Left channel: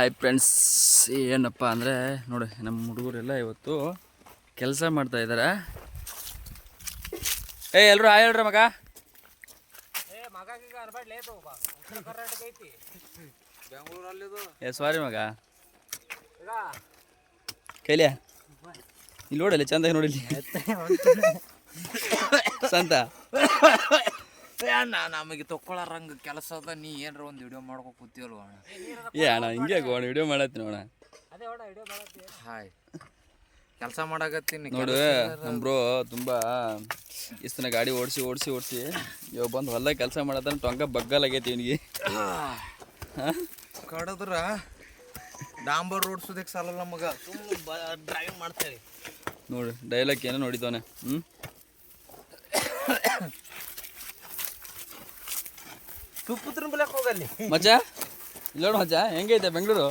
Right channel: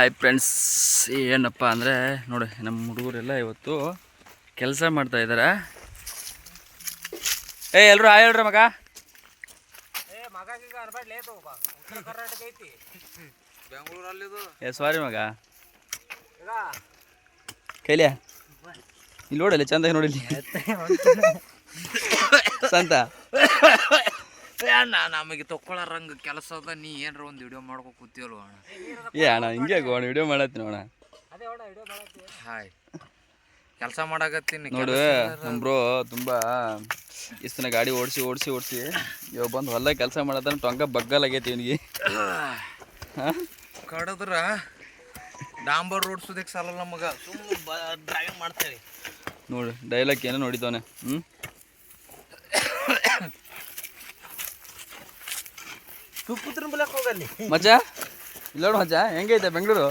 Hi friends ಏನಪ್ಪ ಅಂದರೆ ನೋಡಿ ನಮ್ಮ ಹುಡುಗರೆಲ್ಲ ಇವತ್ತು ಕೆಲಸ ಮಾಡ್ತಾ ಇದ್ದಾರೆ ಏ ಎಲ್ಲರೂ ಹಾಯ್ ಹೇಳ್ರಿ ಮಗ. ಏ ಸಾರಿ ಮಗ. ಕೈಲಿಯ ಇಲ್ಲಿ ನೋಡಲ್ಲಿ ಚಂದಾಗಿ ನೋಡಿಲ್ಲ. ಸಂತ. ಅಣ್ಣ ನಮಗೆ ತಕ್ಕೊಳ್ಳಾರಂಗ ಕೆಲಸ ಅದ ನೀ ಏನ್ರ ಒಂದು ವಿಡಿಯೋ ಮಾಡ್ಕೊ ಕೂತಿಯಲ್ವ ಅಣ್ಣ. ಏ ಅಣ್ಣ ಹಿಂಗೆ ಅಣ್ಣ ವಿಡಿಯೋ ಮಾಡತ್ತೀನಿ ಅಣ್ಣ. ಹಾಯ್ ಕೆಲಸ ಮಾಡಕತ್ತೀನಿ ನೋಡು ನಮ್ಮ ಬ್ರೋ ತುಂಬ ಇಷ್ಟನ ಗಾಡಿ ಓಡಿಸಿ ಓಡಿಸಿ ಓಡಿಸಿ ಇವಾಗ ಬಂದು ಹೊಲ್ದಾಗ ಕೆಲಸ ಮಾಡತ್ತಾನ ಬಗ್ಗಲ್ ಬಗ್ಗಲಾಗೈತಿ ಇವನಿಗೆ. ಕಡದ್ರ ಡಾಂಬರ್ ರೋಡ್ಸೋದಕ್ಕೆ ಸಾಲಲ್ಲ ನಮಗ ಸುಮ್ಮನೆ ಡ್ರೈವಿಂಗ್ ಮಾಡ್ತೇವೆ ನೋಡು ಡೈಲಾಗ್ ಏನೋ ನೋಡಿದವನೆ ಹ್ಞೂ ತುಪ್ಪತ್ರ ಬಲಕ್ ಹೋಗಲ್ಲಿ ಮಜಾ? ಇಲ್ಲ ನೋಡು ಮಚ್ಚ ಹೆಂಗೈತೆ ಬೆಂಗಳೂರು?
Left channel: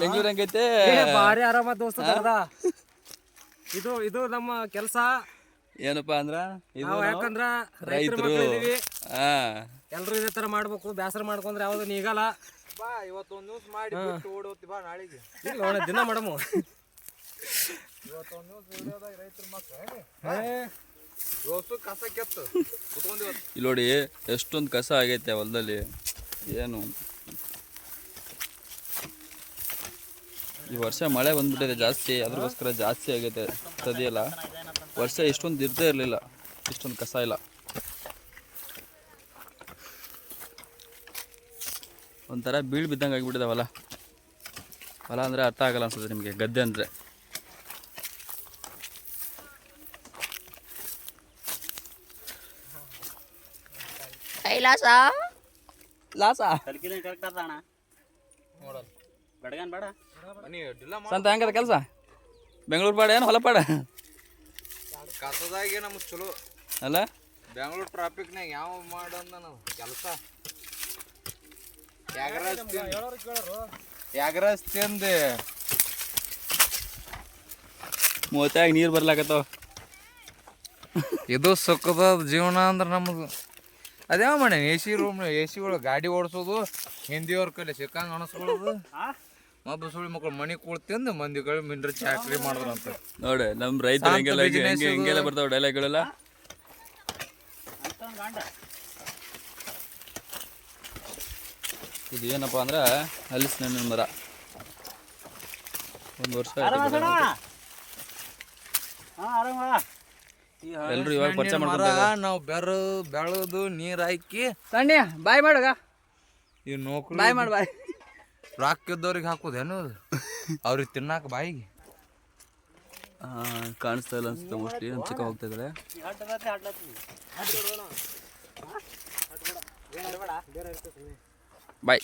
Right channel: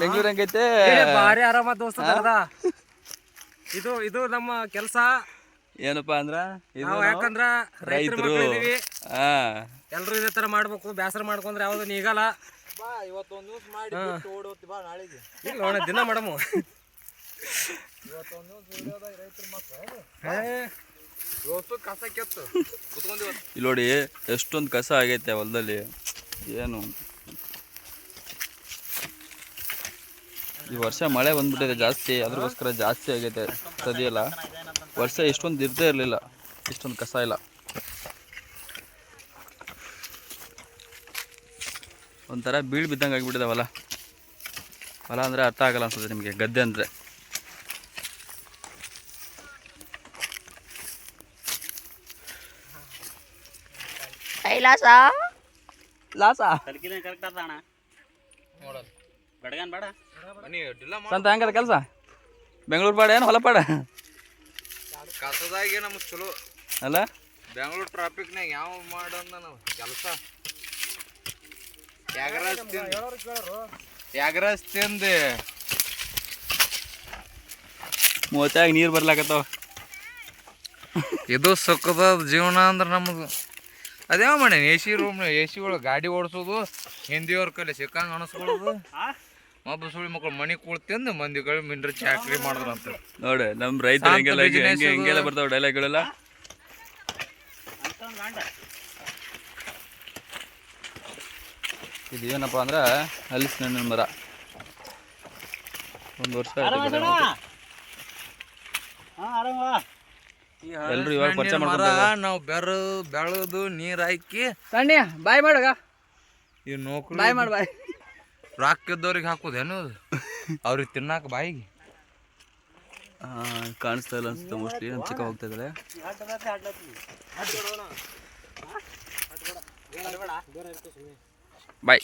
ಬೆಂಗಳೂರು ಹೆಂಗೈತೆ? ಭಾರಿ ಆರಾಮ ದೋಸ್ತ ತಗದ. ಇದು ಇದು ನಮ್ಮ ಕೆಲಸ. ಏನಪ್ಪಾ ಅಂದ್ರ? ಇದು ನಾವು ಯಾಕಂದ್ರ ರೈತರ ಮಕ್ಳು ಇದೀವಿ ಹಾ. ಎಲ್ರು ಇದೇ ತರ ಮಾಡ್ಬೇಕು. ಬೇಸರ ಮಾಡ್ಕೊಂಡ್ರೆ ಯಾವ್ದು ನೀಗಲ್ಲ. ಬಾ ಇವತ್ತೊಂದು ನ್ಯೂಸ್ ಮಾಡಿ ಓಡೋತಿ ಬಾ ನಾಳೆಗೆ. ಇಲ್ಲ ನೋಡ ದಿನ ಮಾಡಮು. ಇವತ್ತೊಂದು ನ್ಯೂಸ್ ವಿಡಿಯೋದಾಗ ರೈತರ ಮಕ್ಕಳು ಇಲ್ಲಿ ನೋಡಿ ಎಷ್ಟೊಂದು ಕಸ ಆಗೈತೆ ಹೊಲದಲ್ಲಿ. ಏನು? ಈ ವರ್ಷ ಮಳೆ ಬಂದ್ಬಿಟ್ಟಿದೆ ಜಾಸ್ತಿ, ಅದ್ರಗೋಸ್ಕರ ಜಾಸ್ತಿ ಆಗೈತೆ. ಸದಿಯಲ್ಲ ವರ್ಷ ಇಷ್ಟೊಂದು ಇರ್ತೇ ಇರಲಿಲ್ಲ. ಇಷ್ಟೊಂದು ಕಸ ಇಲ್ಲ. ಒಂಥರ ಬೀಳ್ ಬಿದ್ದಂಗೆ ಆಗಿಬಿಟ್ಟಿದೆ ಹೊಲ. ಹೊಲ ಅಂದರೆ ಅರ್ಥ ಆಗಲ್ಲ ಅನ್ಸುತ್ತೆ ನಿಮಗೆ, ಗದ್ದೆ ಅಂದರೆ. ಲಾಸಾ? ಬನ್ನಿ ಡಿಲ್ಲ ಸಂತ ಹೆಂಗದ ಕೆಲಸ? ಬೆಂಗಳೂರು ಪಾಡ ಏನು ಹೊಲ ಪಾಡ ಕಸದಾಗೆ ನಮ್ಗೆ ಚಲೋ. ಅಲ್ಲ? ಬೆಂಗಳೂರು ಟ್ರಾಫಿಕ್ನಾಗ ಯಾವ ಮಾಡಂದ ನಾವು? ಕೆಲಸ. ಯಾಗರಾಜ್ ತಿಂದು ಯಾಗರಾಜ್ ತಿಂದು ಮೂವತ್ತಾಗ ನೀರು ಬರ್ಲಾಕತ್ತಾವ. ಇದು ಸುಖದ ಜೀವನ ಅಂದ್ರೆ ನಮ್ಮದು ಅದೇವ ಮಣ್ಣ A C room A C ಒಳಗೆ ಗಾಡಿ ಓಡಿಸೋದು ಹಿಂದಿಯವ್ರ ಕೈಲಿ ಸಿಕ್ಕಂಗೆ ಅನಿಸ್ಕೊಳ್ಳೋದು. ಮಬ್ಬ ಸುಳಿ ಮಕ್ಕಳು ಮನೆ ಕೂಳ್ತಿಂದು ಮಂದಿಗಳು ಮಿಂಡ್ರಿ ಚಾಕ್ರಿ ಮಾಡಿದ್ರಂತ. ನೋಡಿ ನಮ್ಮ ರೈತರು ಹಿಂಗೆಲ್ಲ ಹೆಂಗೆಲ್ಲ ಬರ್ತಾವ ಡೈಲಾಗ್ಗಳೆಲ್ಲ ಇದು ಏನಪ್ಪ ಅಂದ್ರೆ ಹಲಸಿನ ಮರ. ಒಂದು ವರ್ಷ ಆಯ್ತು ಎಲ್ರು ಇವಾಗ ಪರಿಚಯ ಮರ ನಾವು ಬೆರ ಬೆಳೆದು ನೀರು ಹಾಕಿ. ಸಣ್ಣ ಬಾಯ್ ಮಾಡಗ ಈ ನೌಕರಿ ಬಾಯ್ ಮಾಡಿ ಬಾಯ್. ರೊಕ್ಕ ಇದ್ದವ್ರಿಗೆ ಹಾಕೋದೇನು? ಅವ್ರಿಗೆ ತಿನ್ನಾಕ ಬಾಯಿಗೆ. ಕಾಣಿಸ್ತಾ ಇಲ್ಲ ಅನ್ಸುತ್ತೆ ಮೋಸ್ಟ್ಲಿ ನಮ್ಮ ಚಿಕ್ಕ ಹೋಗ್ತಾ ಇದ್ದಾರೆ ಬಾಯ್.